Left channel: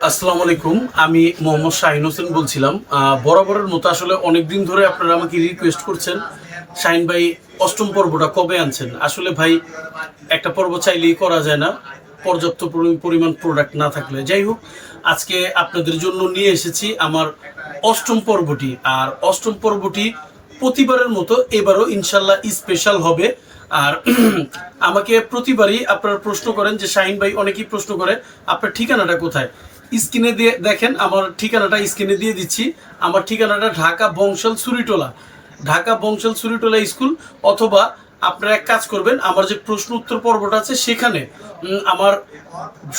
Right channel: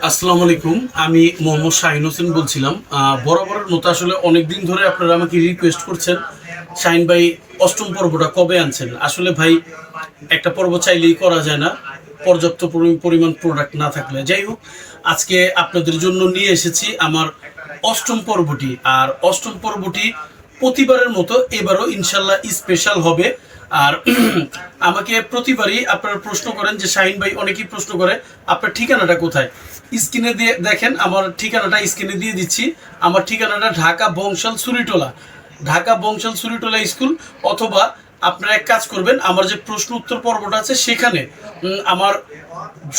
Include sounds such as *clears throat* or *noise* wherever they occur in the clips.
আসসালামু আলাইকুম, আমি মোহাম্মদ শাহিন হোসেন বলছিলাম। বরাবরের মতো আসলে অনেক দিন ধরে আপনারা আমাকে রিকোয়েস্ট করছেন। শাহিন ভাই, অষ্টম পর্বটা কবে আনছেন? আসলে ভাই, একটা পর্ব চাইলেই করা যায় না। পর্যাপ্ত পরি- পরিমাণ প্রোডাক্ট না থাকলে। যাই হোক, আজকে আপনাদের জন্য নিয়ে এসেছি আমার অষ্টম পর্বটি। আর অষ্টম পর্বটি প্রতিবারের মতো এবারও ইনশাল্লাহ স্পেশাল হবে। আর *clears throat* আমাকে প্রতিবারই আপনারা প্রশ্ন করেন যে, শাহিন ভাই অনেকেই প্রশ্ন করে, আপনার ঠিকানাটা কোথায়? স্ক্রিনে দিয়ে দেখেন, আমার ঠিকানাটা স্ক্রিনে দিয়ে দিচ্ছি। আমার ঠিকানাটা ঢাকা বংশাল সুরিটোলা। ঢাকা বংশাল সুরিটোলা স্কুল। অথবা আপনারা এক কাজ করবেন, আমার যে প্রশ্ন উত্তর পর্বটা আছে সেখানে আমার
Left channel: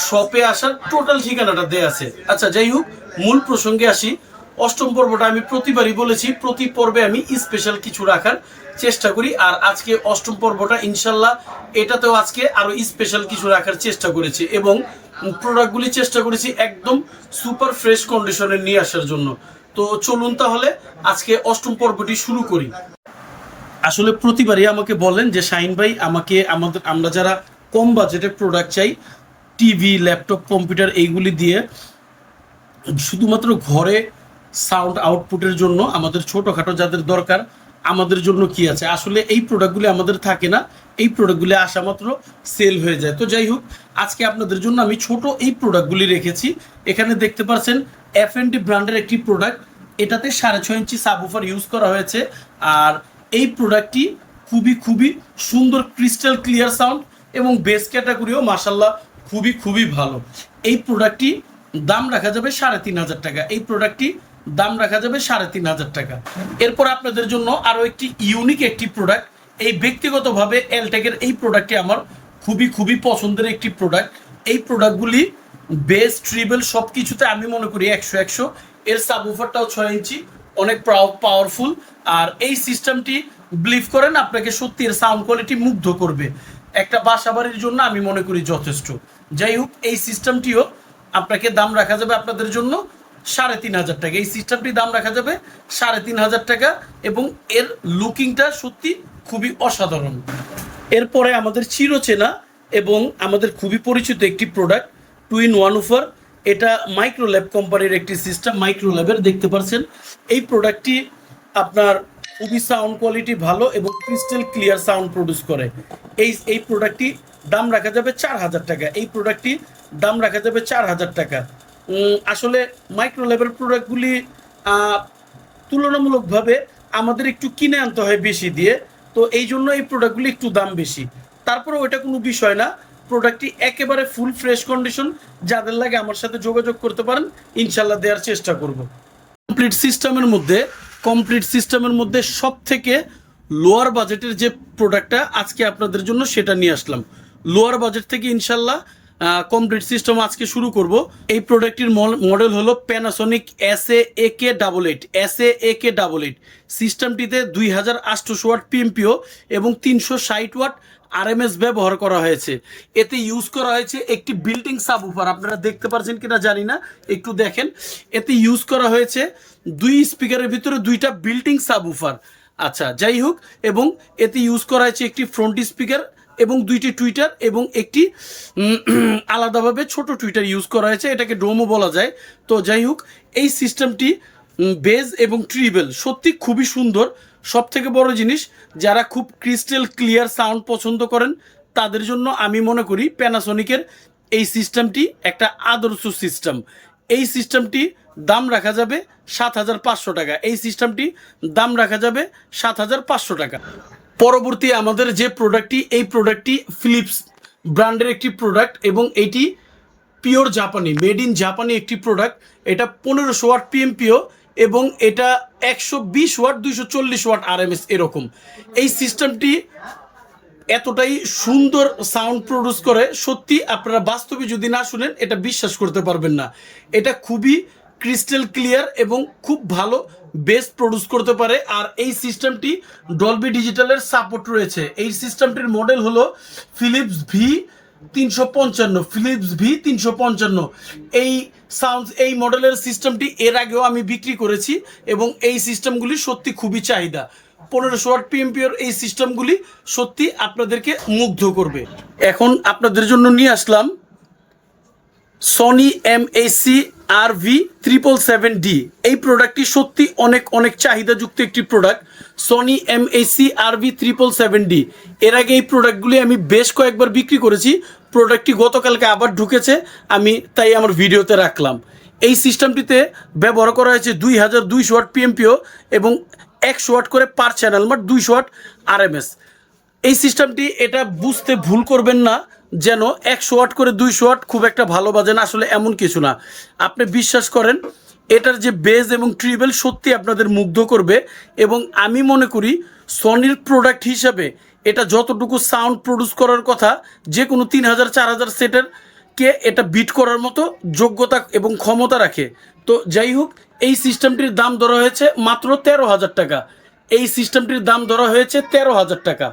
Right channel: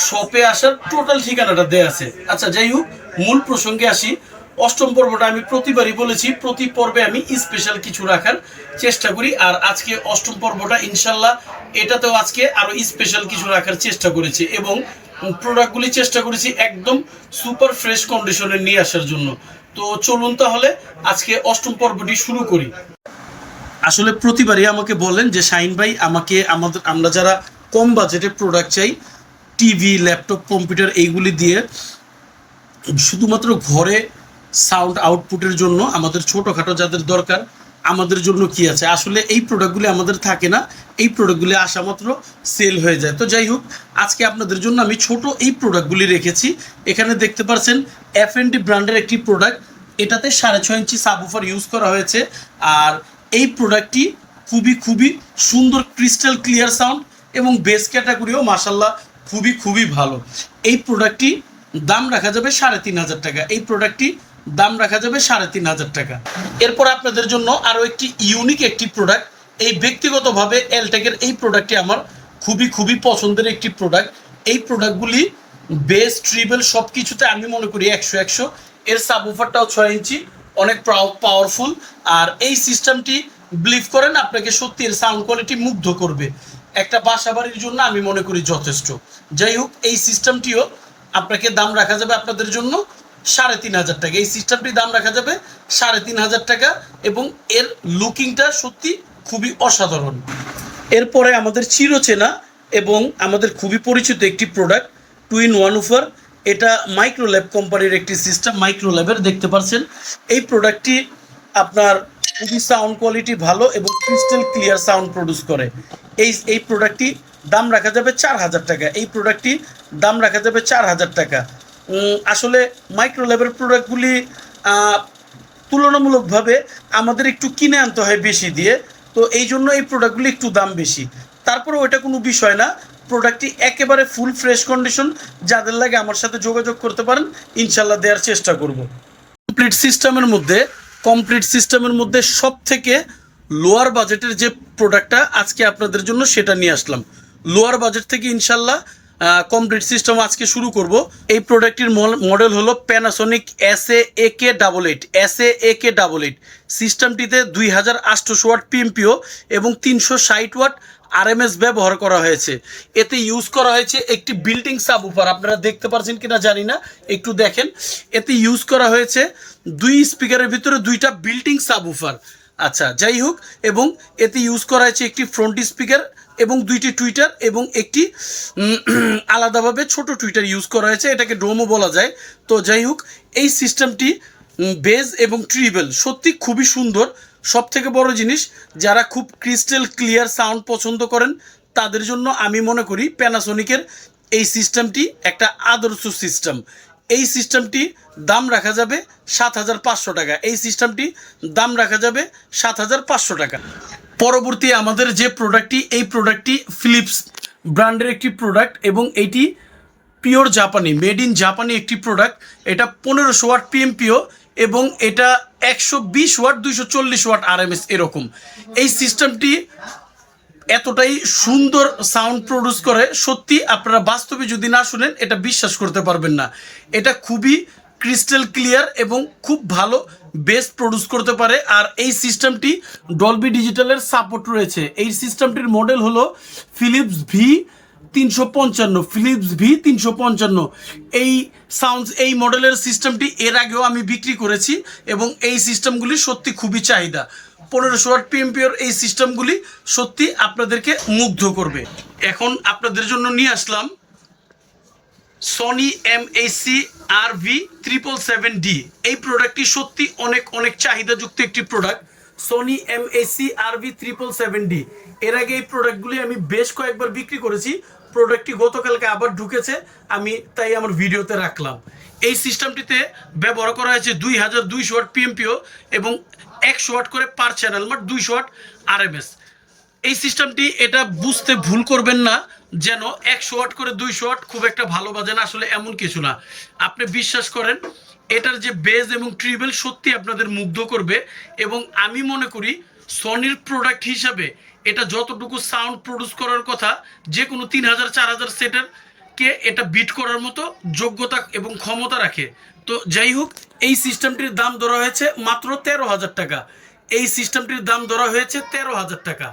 শপে আসার টোটাল ঠিকানাটা দেয়া আছে। আচ্ছা যাই হোক, মূল প্রসঙ্গে আসি। অষ্টম পর্বটা আমি প্রতিবারই বলেছি, প্রতি পর্বে আমি স্পেশাল কিছু রাখার চেষ্টা করি। আর আজকে অষ্টম পর্বটা ইনশাল্লাহ এটাতেও আজকে আরও স্পেশাল কিছু রাখার চেষ্টা করেছি এবং প্রোডাক্টগুলি চেষ্টা করেছি একদম সুপার ফ্রেশ কন্ডিশনে নিয়ে আসার জন্য। তো চলুন তাহলে আজকে অষ্টম পর্বটি শুরু করি। আসলে প্রতিবারই আমাকে বলেন যে, শাহিন ভাই, আমাকে আমাদের, আমরা যারা কম বাজেটে প্রোডাক্ট চাই টিভি ল্যাপটপ কম্পিউটার এইগুলি দিয়ে শুধুমাত্র ঘরে সাউন্ড আউটপুটের জন্য আমাদের ছোটোখাটো যাদের দরকার, আমাদের জন্য কি আছে? আসলে এই প্রোডাক্টগুলি আমাদের থাকে না, এই প্রোডাক্টগুলি আসা মাত্র সেল হয়ে যায়। তো যাই হোক, আজকে আপনাদের জন্য আমি ছোট এই প্রোডাক্টগুলি রেখেছি। এখানে দেখতে পাচ্ছেন এফ এন ডি ব্র্যান্ডের একটি প্রোডাক্ট এটাতে সাড়ে ছয় ইঞ্চি সাবুফার ইউজ করা হয়েছে। আর এই প্রোডাক্টটি খুবই খুবই সুন্দর ক্রিস্টাল ক্লিয়ার সাউন্ড এবং বেস ক্যাটাগরিও মাসাল্লাহ খুবই খুবই ভালো। এই প্রোডাক্টটি দাম রাখা যাবে সাড়ে তিন হাজার টাকা। এই প্রোডাক্টটি দাম রাখা যাবে সাড়ে তিন হাজার টাকা। এরপর আপনাদের জন্য আরও একটি ইউনিক একটি প্রোডাক্ট এই ব্যক্তিগতভাবে এলটেকের এই প্রোডাক্টটি আমার খুবই খুবই পছন্দের একটি প্রোডাক্ট এই প্রোডাক্টগুলি বেস ট্রিবেল সব কিছুতে আমি মনে করি একশো একশো। এর সাবউফারটাও ছয় ইঞ্চি, অনেক পাওয়ারফুল আর এই সিস্টেমটি বিলিভ করেন, আপনাকে সত্যি এর সাউন্ড কোয়ালিটি মুগ্ধ করবে। একটা বাসা বাড়ির জন্য আমি মনে করি যথেষ্ট। যাই হোক, এই সিস্টেমটিও আপনাকে দাম রাখা যাবে আপনাদের জন্য সাড়ে তিন হাজার টাকা। এই সিস্টেমটির দাম রাখা যাবে সাড়ে তিন হাজার টাকা এবং এর লুকিংটা সত্যি খুবই অসাধারণ। এরপরে আমাদের চিরচেনা এবং আমাদের খুবই পরিচিত একটি প্রোডাক্ট টুইন ওয়ান উফার এটা মাইক্রোল্যাব কোম্পানির একটি সিস্টেম মাইক্রোল্যাবের দেখতে পাচ্ছেন এই প্রোডাক্টটি আপনার খুবই সাউন্ড কোয়ালিটি ভালো এবং ক্রিস্টাল ক্লিয়ার সাউন্ড প্রডিউস করে। এই এই প্রোডাক্টটি দাম রাখা যাবে চার হাজার টাকা। এই প্রোডাক্টটি দাম রাখা যাবে চার হাজার টাকা। আসলে মাইক্রোল্যাবের প্রোডাক্টগুলি তুলনামূলকভাবে আমাদের একটু কিনে আনতে হয় বেশি দিয়ে, তো এই জন্য এই প্রোডাক্টগুলি একটু দাম বেশি। তারপরে ওইটা কোনো বিষয় না প্রোডাক্টটি একেবারে ফুল ফ্রেশ কন্ডিশন যাদের লাগে আমার সাথে যোগাযোগ করতে পারেন ইনশাল্লাহ দেওয়ার চেষ্টা করব। কমপ্লিট সিস্টেমের মধ্যে কমপ্লিট সিস্টেমের মধ্যে সব থেকে লোয়ার বাজেটের যে প্রোডাক্টটা আজকে আপনাদের জন্য সেটা নিয়ে আসলাম। লোয়ার বাজেট থেকে ইনশাল্লাহ কমপ্লিট সিস্টেম আজকে শুরু করব। এই প্রোডাক্টটির মডেল হলো Panasonic S A K double eight S A K double eight সিস্টেমটিতে দুই হাজার আটশোশো ওয়াট পিএমপিও এবং তিনশো ষাট ওয়াট আরএমএস ব্যবহার করা হয়েছে। এতে ইউজ করা হয়েছে একটি বিল্ডিং সাবউফার আপনারা দেখতে পাচ্ছেন কিনা জানি না, একটু দেখেন। এতে ইউজ করা হয়েছে দুই স্পিকারের ভিতরে দুইটা বিল্ডিং সাবউফার আচ্ছা যাই হোক, এবং এতে ইউজ করা হয়েছে একটি ফ্রন্ট স্পিকার এবং দুইটি টুইটার এবং একটি *clears throat* আলাদাভাবে ছোট টুইটার ইউজ করা হয়েছে। এটাকে ডোমও বলা যায়। তো যাই হোক, এই সিস্টেমটি বেজ এবং ট্রিবেল সত্যি খুবই সুন্দর। সব থেকে বড় জিনিস, যারা খুব ক্রিস্টাল ক্লিয়ার সাউন্ড পছন্দ করেন, তাদের জন্য আমি মনে করি প্যানাসনিকের এই সিস্টেমটি একটা আদর্শ সিস্টেম এই সিস্টেমটি দাম রাখা যাবে সাত হাজার পাঁচশো টাকা। এই সিস্টেমটি দাম রাখা যাবে সাত হাজার পাঁচশো টাকা। পরবর্তী আমাদের যে প্রোডাক্টটি এই প্রোডাক্টটি ফিলিপস ব্র্যান্ডের একটি প্রোডাক্ট এবং এটি পিওর জাপানি মেড ইন জাপানি একটি প্রোডাক্ট এটা পনেরোশো ওয়াট পিএমপিও এবং এটা একশো বিশ ওয়াট, দুইশো চল্লিশ ওয়াট আরএমএস এরকম। এই সিস্টেমটি এতটাই সুন্দর সাউন্ড প্রডিউস করে, সত্যি আপনারা বাস্তবে যদি না শুনেন, এটা বিশ্বাস করতে পারবেন না। এটা খুবই ক্রিস্টাল ক্লিয়ার এবং খুব ভালো বেস প্রডিউস করতে পারে, আর এই সিস্টেমটি ডলবি ডিজিটালের সাপোর্ট রয়েছে। এই সিস্টেমটির মডেল হলো ফিলিপস ভি তিনশো পঞ্চান্ন ফিলিপস ভি তিনশো পঞ্চান্ন। এই সাউন্ডস এই মডেলের সিস্টেমটি এর আগেও আমি বিক্রি করেছি এবং এই সিস্টেমগুলি সত্যি খুবই চাহিদা। পনেরোশো ওয়াট পিএমপিওর এই সিস্টেমগুলি সত্যি আপনাদেরকে মুগ্ধ করবে। এখন আপনাদের জন্য নিয়ে আসলাম Sony M AC R V triple seven D এই প্রোডাক্টটি সত্যি অনেক অনেক চাহিদাযুক্ত একটি product Sony M AC R V triple seven D এর আগে এই প্রোডাক্টগুলি আমি বেশ কয়েকবার বিক্রি করেছি। প্রোডাক্টটি গতকালকে আবার ঢুকেছে। আমি তাই আমার ভিডিওতে রাখলাম। এই সিস্টেমটিতে ব্যবহার করা হয়েছে দুই হাজার দুইশো ওয়াট পিএমপিও এবং একশো ওয়াট করে পার চ্যানেল মানে দুইশো ওয়াট আরএমএস এই সিস্টেমটি এটা বুঝতে ভুল করবেন না, যেন একশো ওয়াট করে দুইশো ওয়াট খুব একটা ভালো বাজে না আসলে এমন কিছু না। আপনি বিশ্বাস করেন, এটার যে বেজ এবং ট্রিবেল সত্যি আপনাদের মুগ্ধ করবে এবং আমি মনে করি সনির প্রোডাক্ট হিসাবে এটা যতটুকু সাউন্ড প্রডিউস করার কথা, যে কোনো তিন হাজার, চার হাজার সেটের কে এটা বিট করার মতো যোগ্যতা এবং ক্ষমতা রাখে। তো যাই হোক, এই সিস্টেমটির দাম ধরা হয়েছে মাত্র তেরো হাজার টাকা। এই সিস্টেমটির দাম ধরা হয়েছে তেরো হাজার টাকা।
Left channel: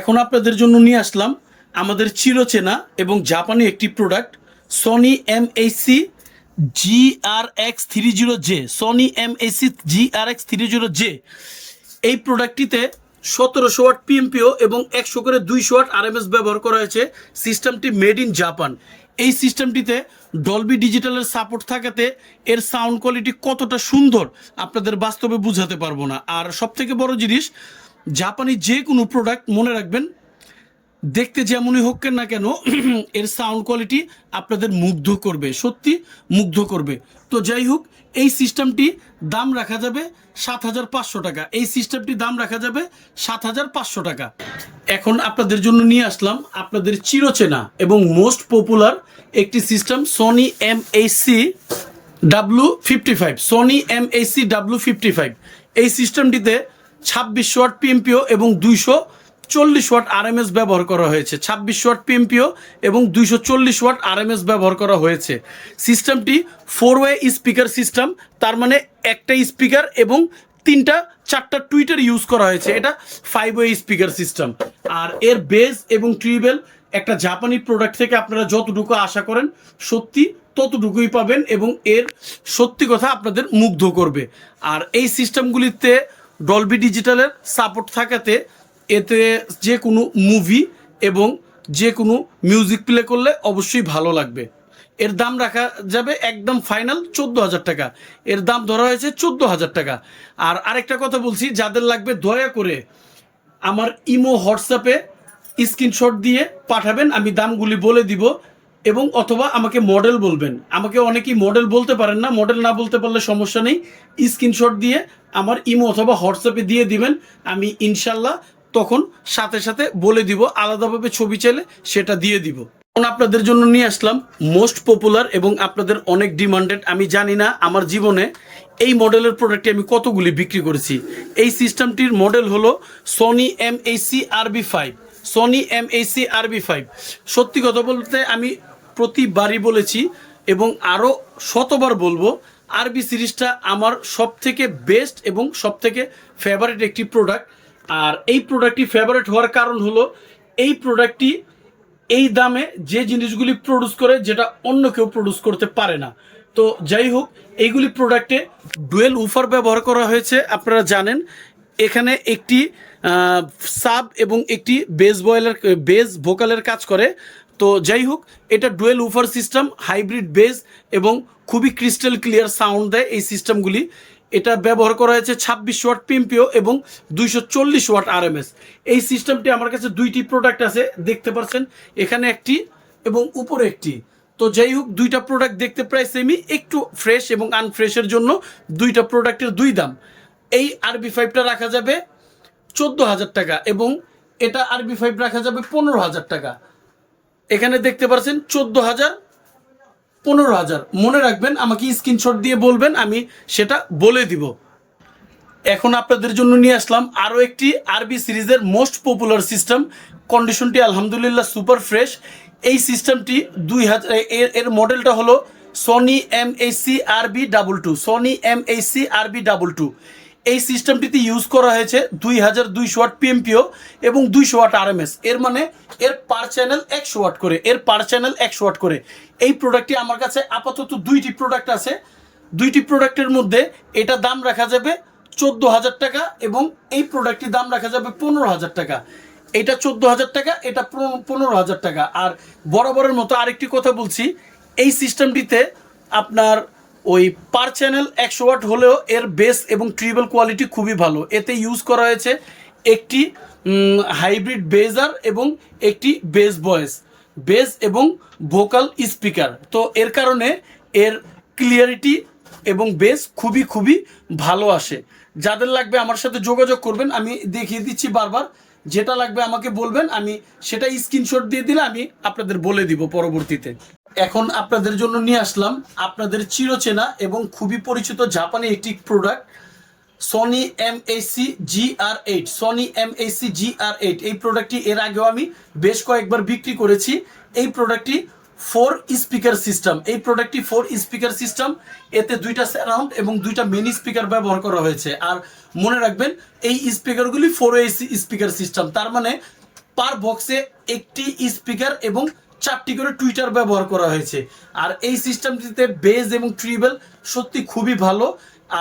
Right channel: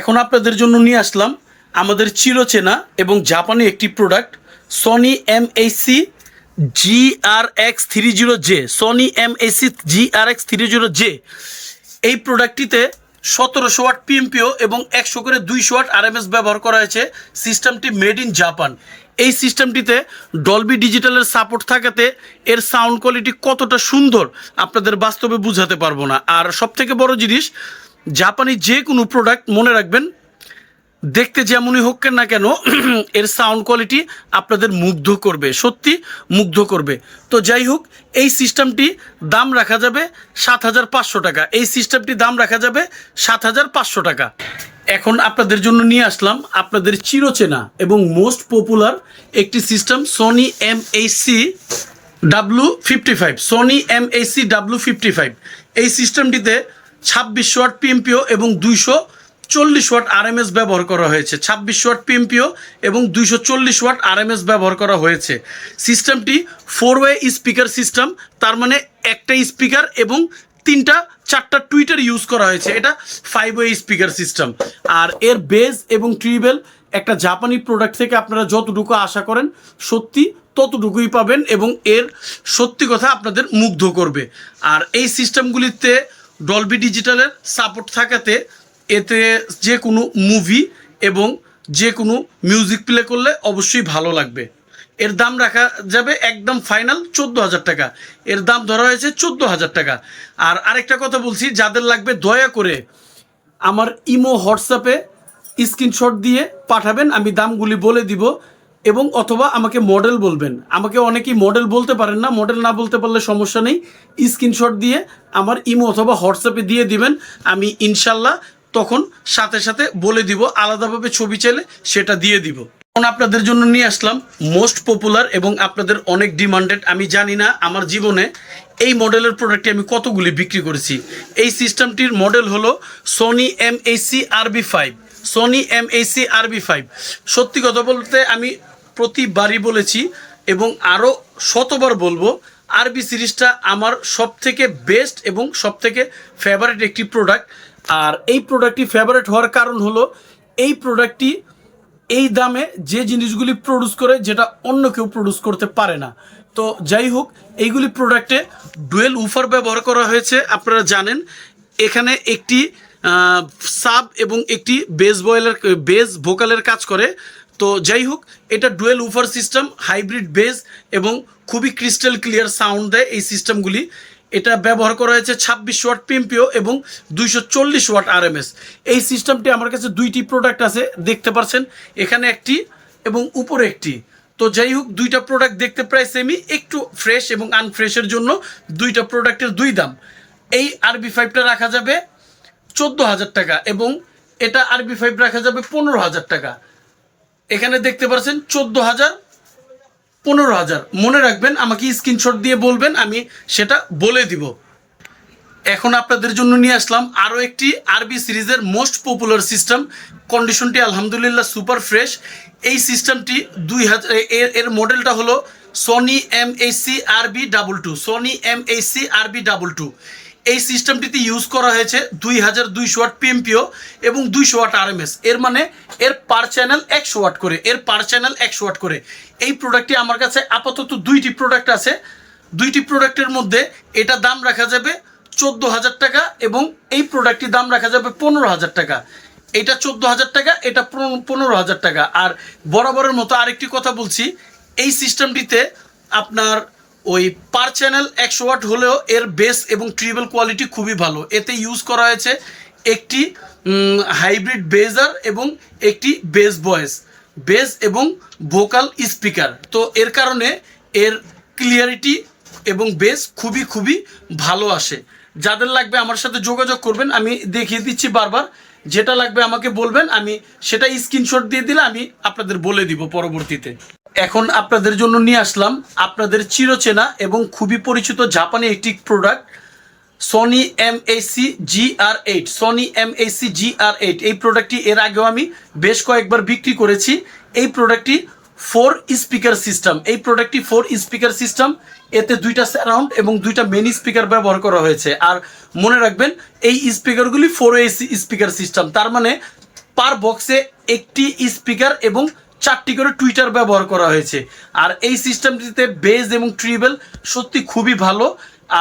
এখন আপনাদের জন্য নিয়ে আসলাম আমাদের চিরচেনা এবং জাপানি একটি product Sony M HC G R X three zero J Sony M HC G R X three zero J এই প্রোডাক্টটিতে সতেরোশো ওয়াট পিএমপিও এবং একশো করে দুইশো ওয়াট আর আরএমএস ব্যবহার করা হয়েছে। সিস্টেমটি মেড ইন জাপান এই সিস্টেমটিতে ডলবি ডিজিটালের সাপোর্ট থাকাতে এর সাউন্ড কোয়ালিটি কতটা সুন্দর আপনাদের বাস্তবে বুঝাতে পারব না। আর সবথেকে বড় জিনিস জাপানি যে কোনো প্রোডাক্ট মনে রাখবেন, দেখতে যেমনই হোক না কেন, *clears throat* এর সাউন্ড কোয়ালিটি আপনাদের মুগ্ধ করবে, সত্যি মুগ্ধ করবে। তো যাই হোক, এই সিস্টেমটি দাম রাখা যাবে সাত হাজার পাঁচশো টাকা। এই সিস্টেমটি দাম রাখা যাবে সাত হাজার পাঁচশো টাকা। এখন আপনাদের জন্য নিয়ে আসলাম আপনাদের চিরচেনা এবং মোস্ট পপুলার একটি system Sony M C W fifty five Sony M C W fifty five এই সিস্টেমটিতে ছাব্বিশশো ওয়াট পিএমপিও এবং দুইশো চল্লিশ ওয়াট আরএমএস ব্যবহার করা হয়েছে। ছাব্বিশ ওয়াট পিএমপিও এবং দুইশো চল্লিশ ওয়াট আরএমএস ব্যবহার করা হয়েছে। সিস্টেমটি ফোর ওয়ে স্পিকার সিস্টেম তার মানে একটা স্পিকার এবং তিনটা, চারটা টুইটার ইউজ করা হয়েছে। এটা ফাইভ ওয়ে স্পিকার সিস্টেম আর এর বেজ এবং ট্রিবেল একটা জাপানি প্রোডাক্ট থেকে আপনারা যতটুকু আশা করেন, সত্যি ততটুকুই পাবেন এবং এর সত্যি কথা আপনাদের মুগ্ধ করবে। আর এই সিস্টেমগুলিতে ডলবি ডিজিটালের সাপোর্ট থাকাতে এতে যে কোনো মুভি এবং যে কোনো মিউজিক প্লে করলে অবশ্যই ভালো লাগবে। এর দাম রাখা যাবে একদম ফাইনাল চোদ্দ হাজার টাকা। এর দাম ধরা হয়েছে চোদ্দ হাজার টাকা। আর আরেকটা কথা বলছি, যাদের লাগবে দয়া করে আমার ইমো হোয়াটসঅ্যাপে স্ক্রিনশট দিয়ে পাঠাবেন, আমি দামগুলি বলে দিব। এবং অথবা আমাকে মডেল বলবেন। আমাকে অনেকেই মডেল বলতে পারেন না। মডেল না বলতে পারলে সমস্যা নেই। স্ক্রিনশট দিয়ে আমার ইমো অথবা হোয়াটসঅ্যাপে দিয়ে দিবেন। আমি ইনশাল্লাহ তখন সাথে সাথে বলে দিব, আলাদাভাবে ছবি চাইলে সেটা দিয়ে দিব। এখন আপনাদের জন্য নিয়ে আসলাম মোস্ট পপুলার এবং আপনাদের অনেক ডিমান্ডেড আমি জানি না আমার জীবনে এই মডেলের প্রোডাক্টটি আমি কতগুলি বিক্রি করেছি। এই সিস্টেমটির মডেল হলো Sony M HC RB five Sony M Aisi আরবি ফাইভ সত্যি কথা বলতে আমি প্রতিবারই বলেছি এবং আরও শতবার বলব, আরবি সিরিজটা আমার সব থেকে বেস্ট এবং সব থেকে ফেভারিট একটি প্রোডাক্ট আর এই প্রোডাক্টটি ফেভারিট হওয়ার কারণ হলো, এই প্রোডাক্টটি এই দামে যে জিনিসগুলি প্রডিউস করে, যেটা অন্য কেউ প্রডিউস করতে পারে না। তো যাই হোক, এইগুলি প্রোডাক্টে ডুয়েল উফার ব্যবহার করা হয়েছে, আপনারা জানেন। এখানে একটি সাব এবং একটি বেস বয়েলের বেস ভোকালের কাজ করে। তো যাই হোক, এটা dual woofer system hybrid bass এবং খুবই ক্রিস্টাল ক্লিয়ার সাউন্ড দেয় এই সিস্টেমগুলি এটা ব্যবহার করা হয়েছে ছাব্বিশ ওয়াট পিএমপিও এবং দুইশো চল্লিশ ওয়াট আরএমএস এই সিস্টেমটি আমার কাছে দুইটি প্রোডাক্ট আছে, দেখতে পাচ্ছেন এখানে একটি এবং উপরে একটি। তো যাই হোক, দুইটা প্রোডাক্ট দেখতে প্রায় সেমই একটু ফ্রেশ এবং আনফ্রেশের জন্য দুইটা প্রোডাক্টের দুই দাম। এই আরবি ফাইভটা রাখা যাবে চোদ্দ হাজার টাকা এবং এটা আরবি ফাইভ রাখা যাবে পনেরো হাজার টাকা। এখানে দেখতে পাচ্ছেন চোদ্দ হাজার, পনেরো হাজার। মনে রাখবেন, আমাকে স্ক্রিনশট দিয়ে বলবেন, আমি সেটা বলে দিব। এখন আপনাদের জন্য নিয়ে আসলাম আরও একটি আরবি সিরিজের মোস্ট পপুলার সিস্টেম কন্ডিশনটি আলহামদুলিল্লাহ সুপার ফ্রেশ এই সিস্টেমটি দুই হাজার এর এর মডেলটা হলো Sony M HC RB double two Sony M HC RB double two এই সিস্টেমটিতে ইউজ করা হয়েছে দুই হাজার দুইশো ওয়াট পিএমপিও এবং দুইশো ওয়াট আরএমএস এর মানে এর পার চ্যানেল একশো ওয়াট করে, এর পার চ্যানেল একশো ওয়াট করে। এই প্রোডাক্টটি আমার কাছে আপাতত দুইটি প্রোডাক্ট আছে। দুইটি প্রোডাক্টের মধ্যে এটা দাম রাখা যাবে চোদ্দ হাজার টাকা এবং এই প্রোডাক্টটির দাম রাখা যাবে পনেরো হাজার টাকা। এটা চোদ্দ হাজার টাকা, এটা পনেরো হাজার টাকা। আর বরাবরের মতো আরেকটি কথা বলছি, এই সিস্টেমটিতে আপনার ওই পার চ্যানেল একশো ওয়াট হলেও এর বেস এবং ট্রিবল কোয়ালিটি খুবই ভালো। এতে ইউজ করা হয়েছে একটি হাইব্রিড বেজার এবং একটি বেস ভয়েস বেস এবং ভোকাল স্পিকার তো এর কারণে এর ক্লিয়ারিটি এবং বেস খুবই খুবই ভালো আসে। যাদের লাগবে আমার সাথে যোগাযোগ করবেন, আমি দেখিয়ে দিচ্ছি বারবার। যেটা লাগবে আমাকে বলবেন, আমি সেটা স্ক্রিনশট দিয়ে দিলে আমি আপনাদের বলে দিব পরবর্তীতে। এখন আপনাদের জন্য নিয়ে আসলাম আপনাদের চিরচেনা এবং খুবই পরিচিত জাপানি একটি product Sony M AC G R eight Sony M AC G R eight এই প্রোডাক্টটি এর আগেও আমি বেশ কয়েকবার বিক্রি করেছি। এই প্রোডাক্টটি ফোর স্পিকার সিস্টেম এই প্রোডাক্টটি ফোর স্পিকার সিস্টেম এতে দুইটা সারাউন্ড এবং দুইটা মেন স্পিকার ব্যবহার করা হয়েছে। আর মনে রাখবেন, এই স্পিকারগুলি ফোর এসি স্পিকার সিস্টেম তার মানে পার বক্সে একটি স্পিকার এবং চারটি করে টুইটার ব্যবহার করা হয়েছে। আর এই সিস্টেমটিতে বেজ এবং ট্রিবেল সত্যি খুবই ভালো।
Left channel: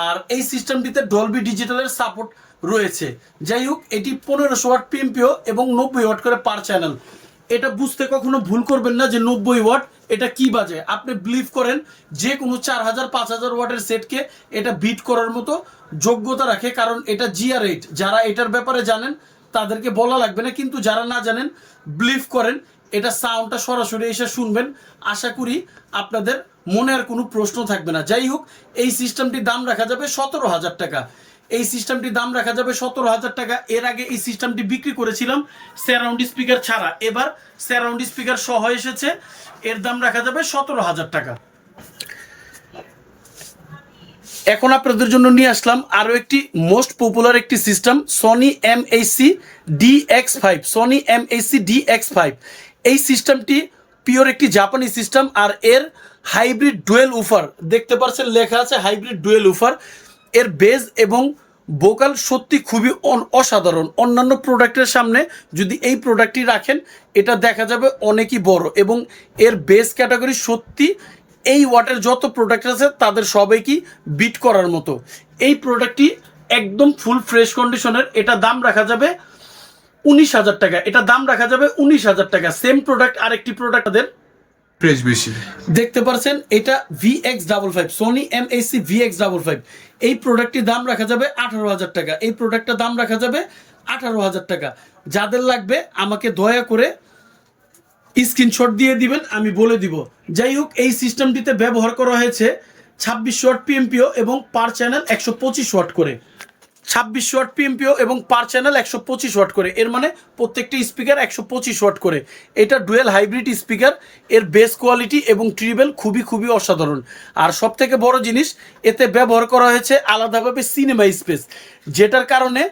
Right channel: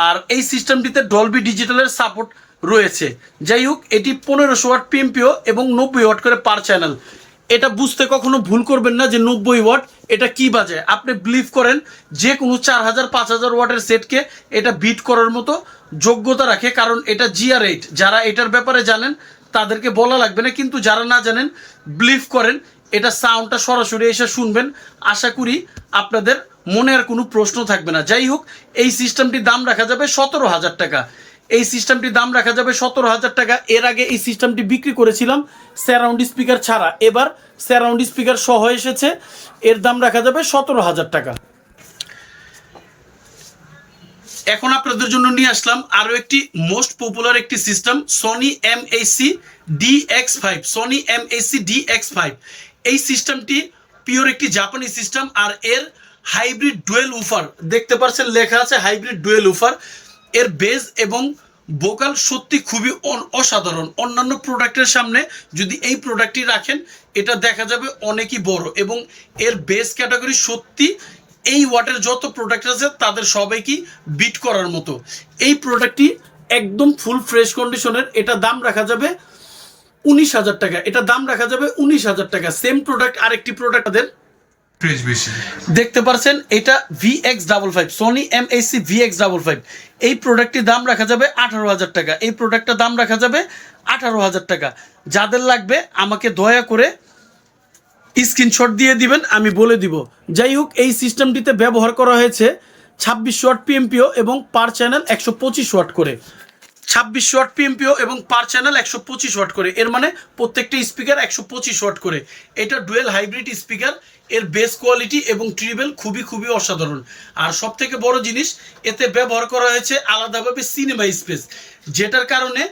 আর এই সিস্টেমটিতে ডলবি ডিজিটালের সাপোর্ট রয়েছে। যাই হোক, এটি পনেরোশো ওয়াট পিএমপিও এবং নব্বই ওয়াট করে পার চ্যানেল এটা বুঝতে কখনো ভুল করবেন না যে নব্বই ওয়াট এটা কি বাজে। আপনি বিলিভ করেন যে কোনো চার হাজার, পাঁচ হাজার ওয়াটের সেটকে এটা বিট করার মতো যোগ্যতা রাখে, কারণ এটা জিআর এইট যারা এটার ব্যাপারে জানেন, তাদেরকে বলা লাগবে না, কিন্তু যারা না জানেন বিলিভ করেন, এটা সাউন্ডটা সরাসরি এসে শুনবেন। আশা করি আপনাদের মনে আর কোনো প্রশ্ন থাকবে না। যাই হোক, এই সিস্টেমটির দাম রাখা যাবে সতেরো হাজার টাকা। এই সিস্টেমটির দাম রাখা যাবে সতেরো হাজার টাকা। এর আগে এই সিস্টেমটি বিক্রি করেছিলাম স্যারাউন্ড স্পিকার ছাড়া। এবার স্যারাউন্ড স্পিকার সহ এসেছে। এর দাম রাখা যাবে সতেরো হাজার টাকা। এখন আপনাদের জন্য নিয়ে আসলাম আরও একটি মোস্ট পপুলার একটি system Sony M AC D X five Sony M AC D X five এই সিস্টেমটি পিওর একটি জাপানি সিস্টেম আর এর হাইব্রিড ডুয়েল উফার দেখতে পাচ্ছেন লেখা আছে হাইব্রিড ডুয়েল উফার এর বেজ এবং ভোকাল সত্যি খুবই অসাধারণ। অন্যান্য প্রোডাক্টের সামনে যদি এই প্রোডাক্টটি রাখেন, এটা দেখা যাবে অনেকই বড় এবং এর বেস ক্যাটাগরি সত্যি এই ওয়াটের যত প্রোডাক্ট আছে, তাদের সবাইকে বিট করার মতো। এই প্রোডাক্টটি একদম ফুল ফ্রেশ কন্ডিশনের এটা দাম রাখা যাবে উনিশ হাজার টাকা। এটা দাম রাখা যাবে উনিশ হাজার টাকা। সেম প্রোডাক্ট আরেকটি প্রোডাক্ট তাদের দেখতে পারছেন, এটা V X double five Sony M AC V X double five এই প্রোডাক্টটির দাম রাখা যাবে আঠারো হাজার টাকা। এই প্রোডাক্টটার দাম রাখা যাবে আঠারো হাজার টাকা। যাদের লাগবে, আমাকে দয়া করে স্ক্রিনশট দিয়ে দিবেন, আমি বলে দিব। যাই হোক, এই সিস্টেমটিতে ব্যবহার করা হয়েছে ছাব্বিশ ওয়াট পিএমপিও এবং পার চ্যানেল একশো পঁচিশ ওয়াট করে। ছাব্বিশ ওয়াট পিএমপিও এবং পার চ্যানেল একশো পঁচিশ ওয়াট করে। এর মানে প্রত্যেকটা স্পিকার একশো পঁচিশ ওয়াট করে। এটা ডুয়েল হাইব্রিড স্পিকার এর বেস কোয়ালিটি এবং ট্রিবেল খুবই খুবই অসাধারণ। আর সব থেকে বড় জিনিস, এতে ব্যবহার করা হয়েছে আলাদাভাবে সিনেমা স্পেস যেটার কারণে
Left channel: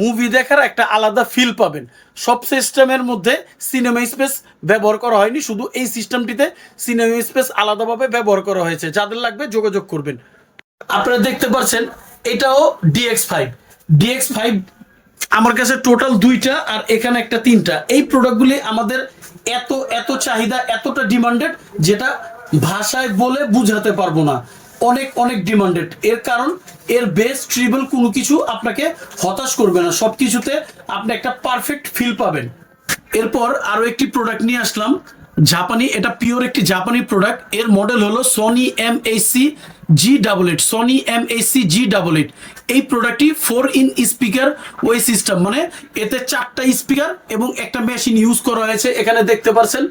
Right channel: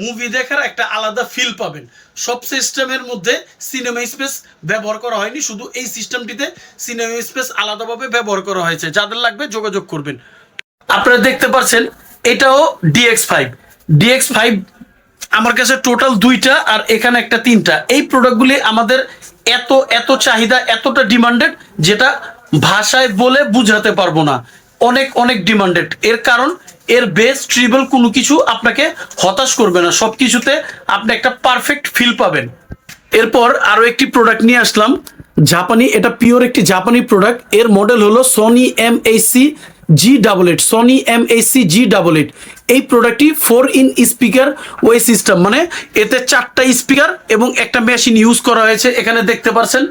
মুভি দেখার একটা আলাদা ফিল পাবেন। সব সিস্টেমের মধ্যে সিনেমা স্পেস ব্যবহার করা হয়নি, শুধু এই সিস্টেমটিতে সিনেমা স্পেস আলাদাভাবে ব্যবহার করা হয়েছে। যাদের লাগবে যোগাযোগ করবেন। আপনারা দেখতে পাচ্ছেন এটাও ডিএক্স ফাইভ ডিএক্স ফাইভ আমার কাছে টোটাল দুইটা আর এখানে একটা তিনটা। এই প্রোডাক্টগুলি আমাদের এত এত চাহিদা, এতটা ডিমান্ডেড যেটা ভাষায় বলে বুঝাতে পারব না। অনেক অনেক ডিমান্ডেড এর কারণ, এর বেস ট্রিবল কোনো কিছু আপনাকে হতাশ করবে না। সব কিছুতে আপনি একটা পারফেক্ট ফিল পাবেন। এরপর আরও একটি প্রোডাক্ট নিয়ে আসলাম। জাপানি, এটা পিওর একটি জাপানি প্রোডাক্টের মডেল হলো Sony M AC G double eight Sony M AC G double eight এই প্রোডাক্টটি four in speaker way system মানে এতে চারটা স্পিকার এবং একটা মেশিন ইউজ করা হয়েছে। এখানে দেখতে পাচ্ছেন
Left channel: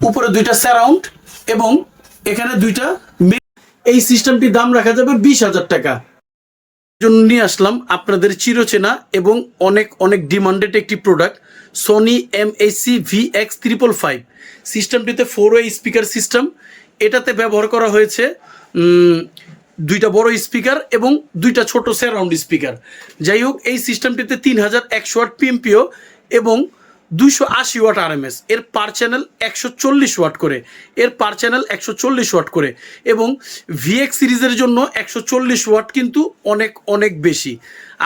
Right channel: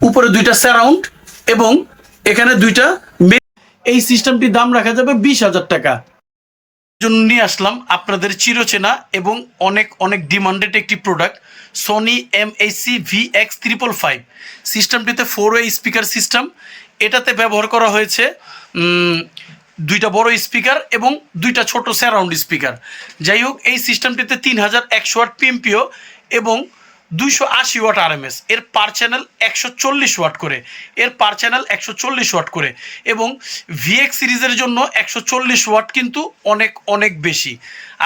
উপরে দুইটা সারাউন্ড এবং এখানে দুইটা এই সিস্টেমটির দাম রাখা যাবে বিশ হাজার টাকা। জন্য নিয়ে আসলাম আপনাদের চিরচেনা এবং অনেক অনেক ডিমান্ডেড একটি product Sony M AC V X triple five সিস্টেমটিতে four way speaker system এটাতে ব্যবহার করা হয়েছে দুইটা বড় স্পিকার এবং দুইটা ছোট স্যারাউন্ড স্পিকার যাই হোক, এই সিস্টেমটিতে তিন হাজার একশো ওয়াট পিএমপিও এবং দুইশো আশি ওয়াট আরএমএস। এর পার চ্যানেল একশো চল্লিশ ওয়াট করে, এর পার চ্যানেল একশো চল্লিশ ওয়াট করে এবং ভিএক্স সিরিজের জন্য একশো চল্লিশ ওয়াট কিন্তু অনেক অনেক বেশি।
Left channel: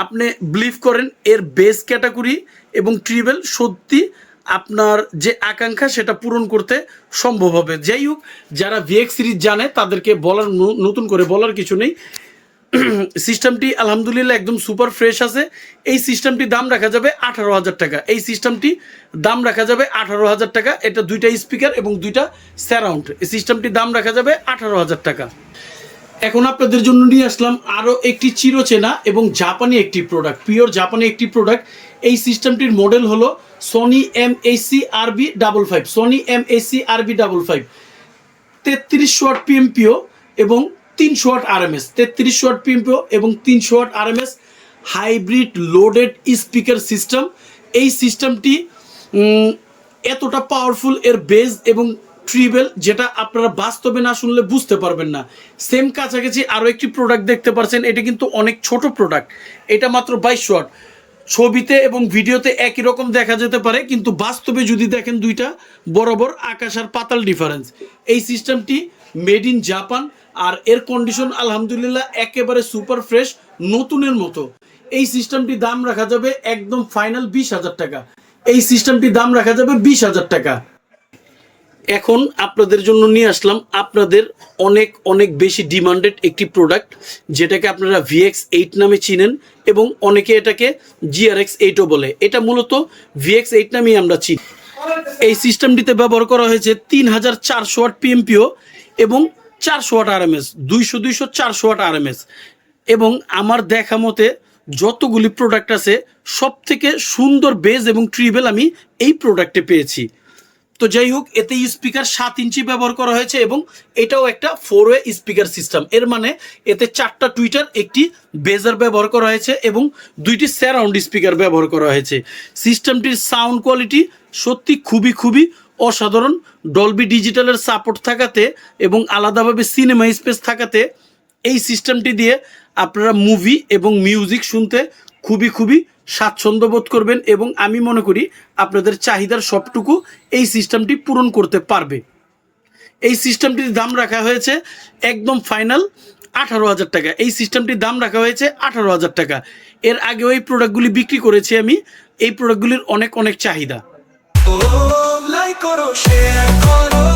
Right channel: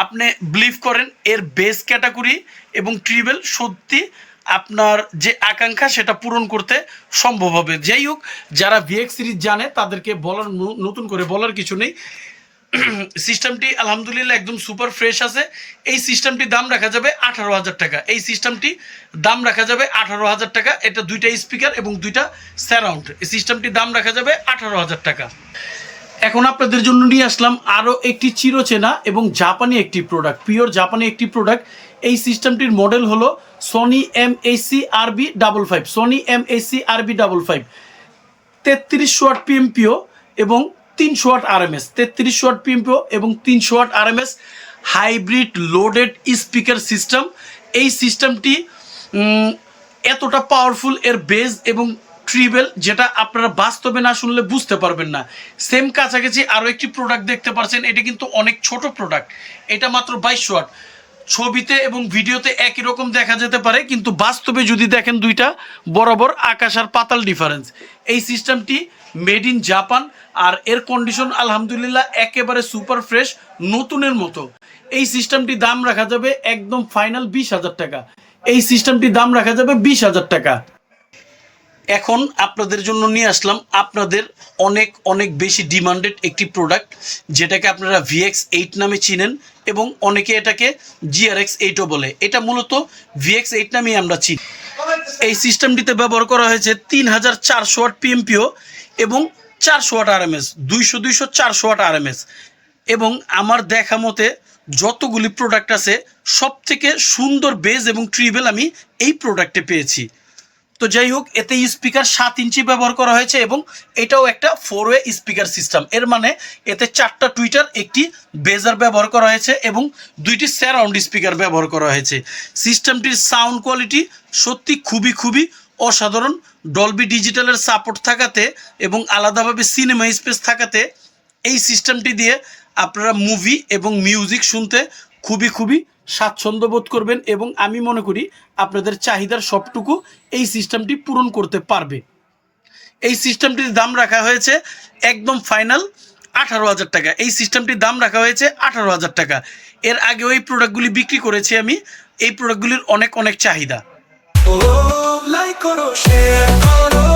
আপনি বিলিভ করেন, এর বেস ক্যাটাগরি এবং ট্রিবেল সত্যি আপনার যে আকাঙ্ক্ষা সেটা পূরণ করতে সম্ভব হবে। যাই হোক, যারা ভিএক্স সিরিজ জানে, তাদেরকে বলার নতুন করে বলার কিছু নেই। *clears throat* সিস্টেমটি আলহামদুলিল্লাহ একদম সুপার ফ্রেশ আছে। এই সিস্টেমটির দাম রাখা যাবে আঠারো হাজার টাকা। এই সিস্টেমটি দাম রাখা যাবে আঠারো হাজার টাকা। এটা দুইটা স্পিকার এবং দুইটা স্যারাউন্ড এই সিস্টেমটির দাম রাখা যাবে আঠারো হাজার টাকা। এখন আপনাদের জন্য নিয়ে আসলাম আরও একটি চিরচেনা এবং জাপানি একটি প্রোডাক্ট পিওর জাপানি একটি প্রোডাক্ট এই সিস্টেমটির মডেল হলো Sony M AC RB double five Sony M AC RB double five তেত্রিশ ওয়াট পিএমপিও এবং তিনশো ওয়াট আরএমএস তেত্রিশ ওয়াট পিএমপিও এবং তিনশো watt RMS hybrid loaded speaker system এই সিস্টেমটি এতটা পাওয়ারফুল এর বেজ এবং ট্রিবেল যেটা আপনারা বাস্তবে না শুনলে বুঝতে পারবেন না। সেম কাছাকাছি আরও একটি প্রোডাক্ট দেখতে পারছেন, এটা কিন্তু অনেক ছোট প্রোডাক্ট এটা মাত্র বাইশ ওয়াট। ছবিতে এবং ভিডিওতে একই রকম দেখা যেতে পারে, কিন্তু বাস্তবে যদি দেখেন দুইটা, বরাবর আকাশ আর পাতাল ডিফারেন্স এই সিস্টেমটি মেড ইন জাপান আর এর কন্ডিশন আলহামদুলিল্লাহ একেবারে সুপার ফ্রেশ নতুনের মতো। এই সিস্টেমটি দাম রাখা যাবে একদম ফাইনাল বিশ হাজার টাকা। এই সিস্টেমটি দাম রাখা যাবে বিশ হাজার টাকা। এখন আপনাদের জন্য নিয়ে আসলাম আপনাদের অনেক অনেক বেশি ডিমান্ডেড একটি প্রোডাক্ট যেটাকে আপনারা ভিএক্স এইট নামে চিনেন এবং অনেকে এটাকে জিআরএক্স এইটও বলে। এটা মূলত ভিএক্স এইট নামেই আমরা চিনি। এই সিস্টেমটিতে ব্যবহার করা হয়েছে তিন হাজার চারশো ওয়াট পিএমপিও এবং চারশো ওয়াট আরএমএস দুইশো দুইশো, চারশো ওয়াট আরএমএস এবং আমার দেখা মতে যতগুলি প্রোডাক্ট আছে সব থেকে সুন্দর বেজ এবং ট্রিবেল আমি এই প্রোডাক্টে পেয়েছি। তো যাই হোক, এতে স্পিকার সাত ইঞ্চি ব্যবহার করা হয়েছে এবং এটাও একটা ফোর ওয়ে স্পিকার সিস্টেম এর মানে এতে চারটা টুইটার একটি বেজার ব্যবহার করা হয়েছে এবং দুইটি স্যারাউন্ড স্পিকার ব্যবহার করা হয়েছে। সিস্টেমটির সাউন্ড কোয়ালিটি সত্যি খুবই খুবই অসাধারণ। ডলবি ডিজিটালের সাপোর্ট থাকাতে এবং আলাদাভাবে সিনেমা স্পেস থাকাতে এই সিস্টেমটি দিয়ে আপনারা মুভি এবং মিউজিক শুনতে খুবই খুবই স্বাচ্ছন্দ্য বোধ করবেন এবং আমি মনে করি আপনাদের চাহিদার সবটুকু এই সিস্টেমটি পূরণ করতে পারবে। এই সিস্টেমটির দাম রাখা হয়েছে একদম ফাইনাল আঠারো হাজার টাকা। এই সিস্টেমটির দাম রাখা হয়েছে আঠারো হাজার টাকা। এর আগেও এই প্রোডাক্টগুলি বিক্রি করেছি আমি। এই প্রোডাক্টগুলির অনেক অনেক চাহিদা। লাইক করো শেয়ার করো।